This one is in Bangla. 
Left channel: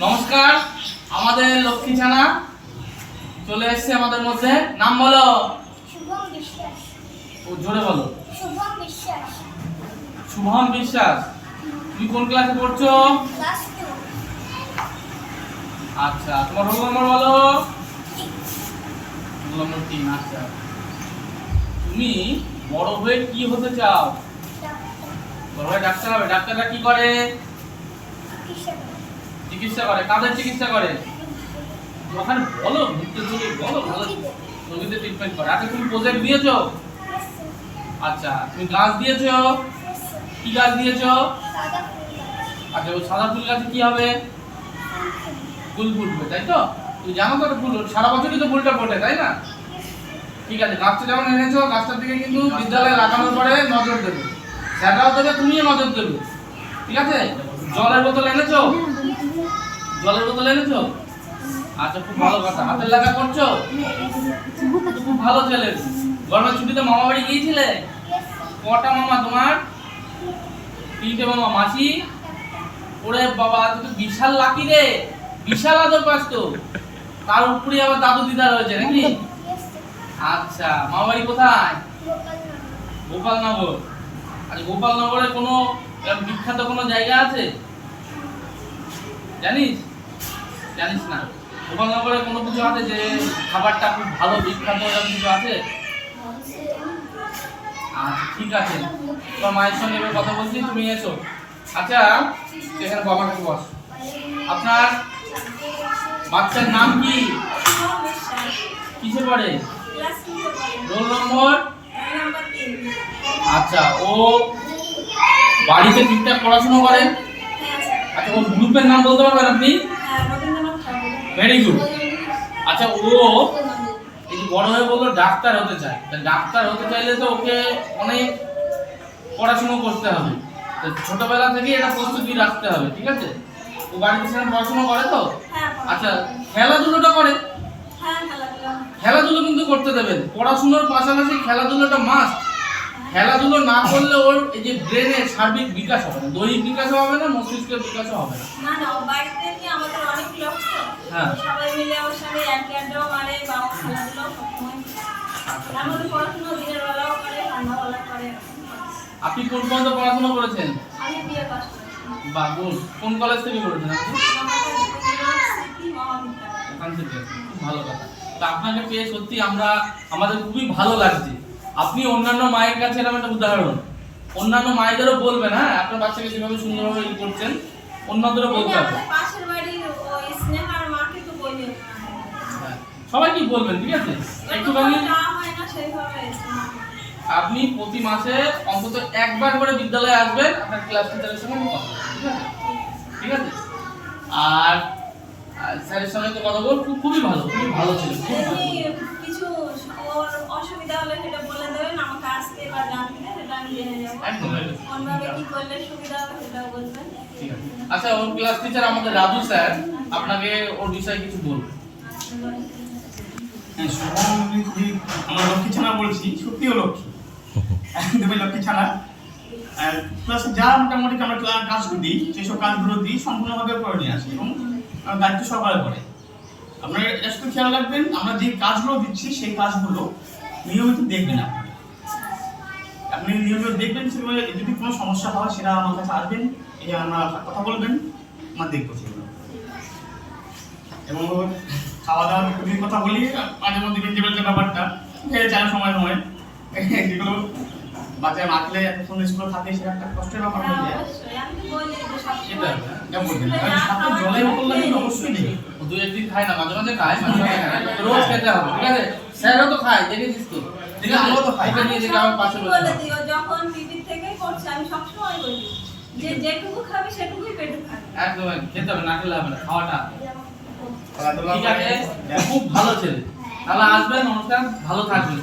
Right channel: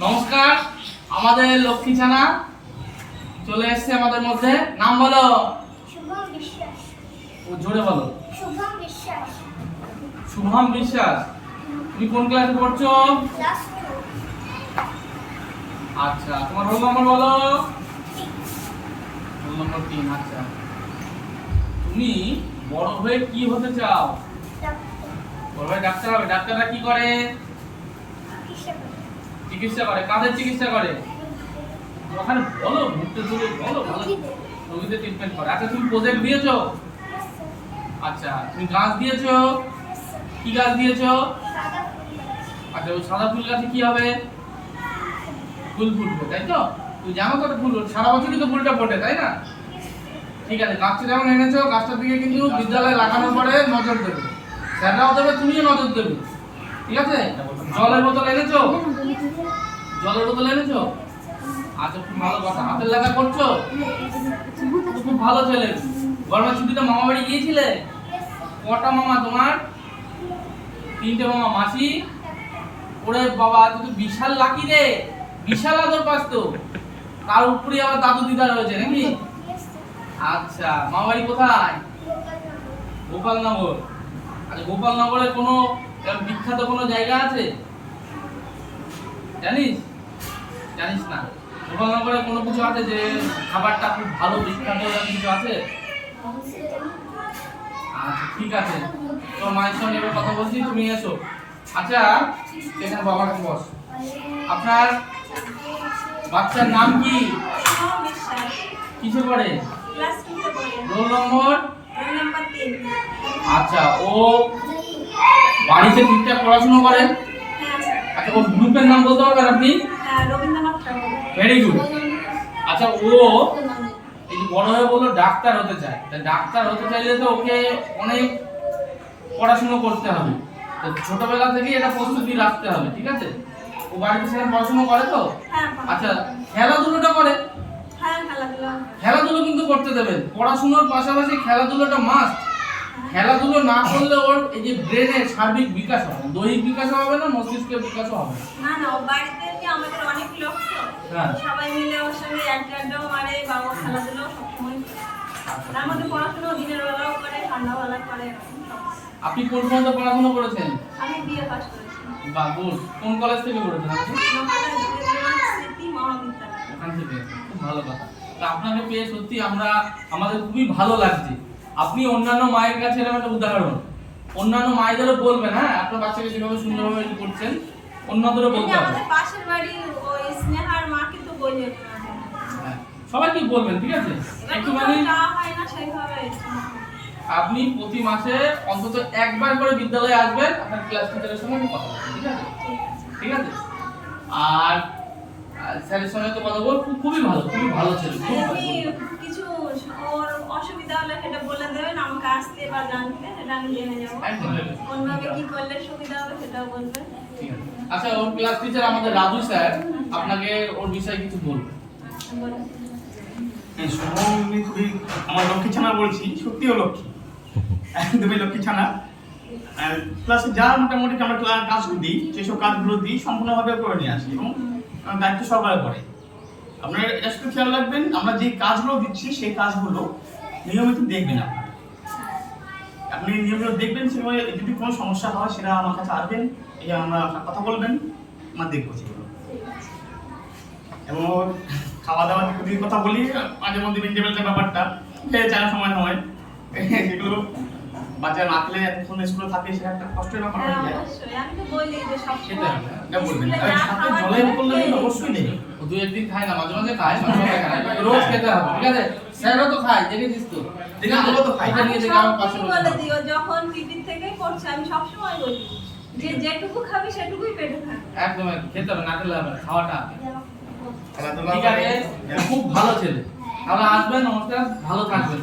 নমস্কার আমাদের লক্ষ্মী ছানা চলে এসেছে আমাদের মধ্যে। নাম বলো। শুভম বিশ্বাস। ও জোরে বলো। শুভম বিশ্বাস। তুমি কোন ক্লাসে পড়ছো? আচ্ছা তোমার রোল নম্বর বলো। রোল নম্বর তিন আচ্ছা। তুমি বড় হয়ে কি হতে চাও? বড় হয়ে ডাক্তার হবে। ডাক্তাররা কি করে। চিকিৎসা করে কাদের চিকিৎসা করে? ওখানে বলো মুখতে ধরে বলো বলো। রোগীদের। ট্রিটমেন্ট করে। আচ্ছা তুমি প্রজেক্ট দিয়েছ? আচ্ছা তুমি গাছ দিয়েছ? কি গাছ দিয়েছ? আচ্ছা ওই সাদা ফুল গাছে কি হবে? ফুল ফুটবে তাই তো? তুই জানো তো ফুল সারা বছরই তো ফুলটা ফোটে তাই না? ঠিক আছে গাছটা যেমন এনেছো গাছটার দিকে কিন্তু বিদ্যালয়ে লাগানোর পরে নজর দেবে। স্যাররাও দেবে তুমিও নজর দেবে। ঠিক আছে? জলের বোতল এনেছো? জলের বোতল এনেছো? আচ্ছা খুব ভালো কথা। হাতের লাগা করছ? খুব ভালো ছেলে। গরমের ছুটিতে মামা বাড়ি গিয়েছিলে? কটা মামা তোমার? তিনটে মামা। মাসি? ওরে বাবা, তুই তো বিশাল লাকি রে। বিশাল আদর পাস তো। তার উপরে আবার দাদু দিদা রয়েছে নাকি? আচ্ছা মামা বাড়ি কোথায়? গোপালনগর। আচ্ছা গোপালনগরে কোনো বিখ্যাত কোনো জায়গা আছে? জানিস? জানিস না। গোপালনগরে কোনো কিছু আছে যে খাবারটা খুব ভালো, বিখ্যাত এরকম কিছু আছে? আচ্ছা ঠিক আছে। তোমার মায়ের সঙ্গে এবার কথা বলছি, তুমি এসো। আচ্ছা সেখানে বাবার কাছে বস। আপনার বাচ্চার নাম কি? কিসে পড়ে? Roll number? আচ্ছা ও বাড়িতে ঠিকঠাক পড়াশোনা করে আচ্ছা ওর গ্রুপের নাম বলতে পারবেন আপনি? ভেরি গুড আচ্ছা ও এই যে বড় হয়ে বলল ডাক্তার হতে চায়। তা ডাক্তার হতে চাইলে তো ওকে অনেক পড়াশুনো করতে হবে। তো ছোটবেলা থেকে এটা প্রস্তুতি রাখতে হবে ঠিক আছে? ও বাড়িতে সেরকম পড়াশোনা করে তো? আচ্ছা খেলাধুলোটা করে? খেলাধুলো। কিন্তু করতে দেবেন। পড়াশোনার পাশাপাশি খেলাধুলোটা মাস্ট খেলাধুলো না করলে ওর এই যে ব্রেনের সার্বিক বিকাশ হবে না দৈহিক বিকাশও হবে না মস্তিষ্কের বিকাশও হবে না। না না বাড়িতে কি আমাদের অনেক লোক তো? হ্যাঁ। সবাই মিলে ওর সঙ্গে আড্ডা আড্ডাও মারে বা খেলাধুলো সবসময় তার মধ্যে পড়াশোনা দিনের বেলাও করে সন্ধ্যাবেলা করে। আপনি কোন পর্যন্ত পড়াশোনা করেছেন? আমি বিয়ে পাস করেছি। বা গুড কোন কলেজ থেকে করেছেন আপনি? ওখান থেকে। খুব ভালো কথা। তো আপনাকে পেয়ে সত্যি আমরা আমাদের খুবই ভালো লাগছে। আপনি অন্যান্য মায়ের কাছে এরকম একটা উদাহরণ। অন্যান্য মায়েদেরও বলবেন হ্যাঁ আপনার বাচ্চাকে যেভাবে সুন্দরভাবে ই করছেন অন্যদেরও বলতে হবে। পাশের বাড়ির ওই স্নেহার মাকে তো বলি হ্যাঁ সবাইকে বলবেন ঠিক আছে? একটুখানি হয় আপনি প্রতি মাসে অন্তত একবার করে বিদ্যালয়ে আসবেন আপনার ক্লাস টিচারের সঙ্গে কথা ঠিক আছে? ঠিক আছে। আর আর স্যারের সঙ্গে তো কথা বল খুবই ভালো খুবই ভালো ছিল খুব ভালো আপনি কিছু ওর অসুবিধা হলে সেটা বলে দেবেন আমাকে আসতে বা জানতে সেটা আমি জেনে যাব একদম একদম। কোনভাবে কি করলে সুবিধা হবে সেটাও বলবেন আচ্ছা ওর ক্লাস টিচার আমাদের রাজু স্যার আপনাকে ওর বিষয়ে কিছু বলবে। হ্যাঁ, শুভম খুবই আমার লক্ষ্মী ছানা বলছি সত্যিও লক্ষ্মী। একদমই লক্ষ্মী ছানা। প্লাস যা মোটামুটি আমরা কাজগুলো দিই যেসব কাজগুলো দিই সম্পূর্ণভাবে করে নিয়ে আসি এবং আমার দায়িত্ব সহকারে করে আপনারা এটা শুধু খেয়াল রাখবেন আমরা যে কাজগুলো দিচ্ছি সেই কাজগুলো নিয়মিত দেখবেন আপনারা। আপনি নিয়মিত দেখবেন সেগুলো যদি কোনো সমস্যা হয় সেটা আমার কাছে আসবেন। এই আমরা কথা বলবেন আমরা দেখব সেগুলো এবং খাওয়া দাওয়া কথা বলি মাঝে মধ্যে মিলের ব্যাপারটা। সময় বাচ্চা না খেলে এতক্ষণ স্কুলে থাকে সেটা একটা কষ্টের ব্যাপার হ্যাঁ, হয়ে যায়। অবশ্যই। যে সেটা বলবেন যা নেই। দু একদিন খায় না মাঝে মাঝে খায়। রোজ খেতে হবে ঠিক আছে? স্যারও তো খায় দেখেছিস তো দেখে আমরাও তো খাই। এটা নিয়ে দেখে আমার পাশে বলে দিও যখন টিভি থেকে করছে আমি সবসময় বলি যে যেটুকু খাবি সেটুকুই পেটে খাবি একদম। খেতে হবে না খেলে হবে না খাওয়াটা খেলাধুলা ঠিক আছে খুব ভালো ছেলে। তাহলে আসবেন অনুষ্ঠান ভালো থাকবেন।